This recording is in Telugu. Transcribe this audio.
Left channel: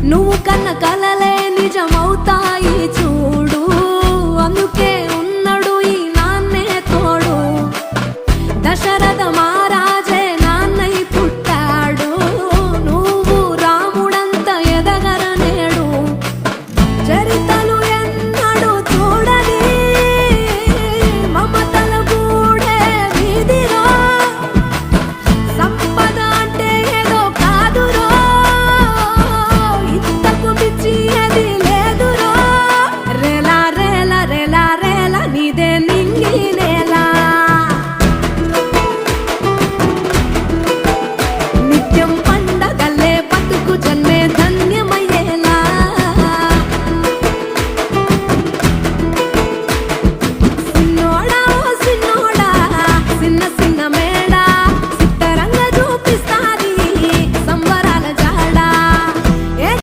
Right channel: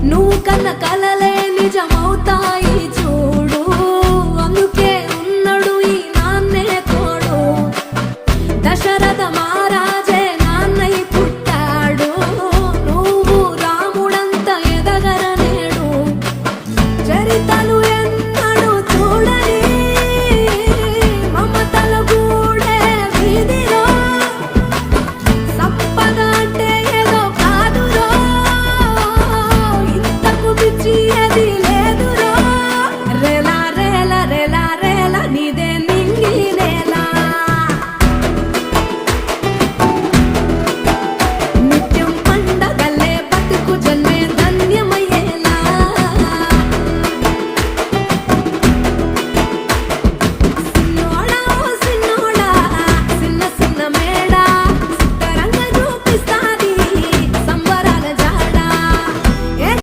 నువ్వు కన్న కలలే నిజమవుతాయి చూడు, అందుకే ఉన్నాడు ఈ నాన్నే తోడు. దశరథ మహారాజే నాన్నై పుట్టాడు, నువ్వు రాముడంత ఎదగరనేడు. చరితలు ఎన్నడు చూడని మమతల గూడే వీధిరో, సంపద అంటే ఏదో కాదురో, ఇంతకు మించి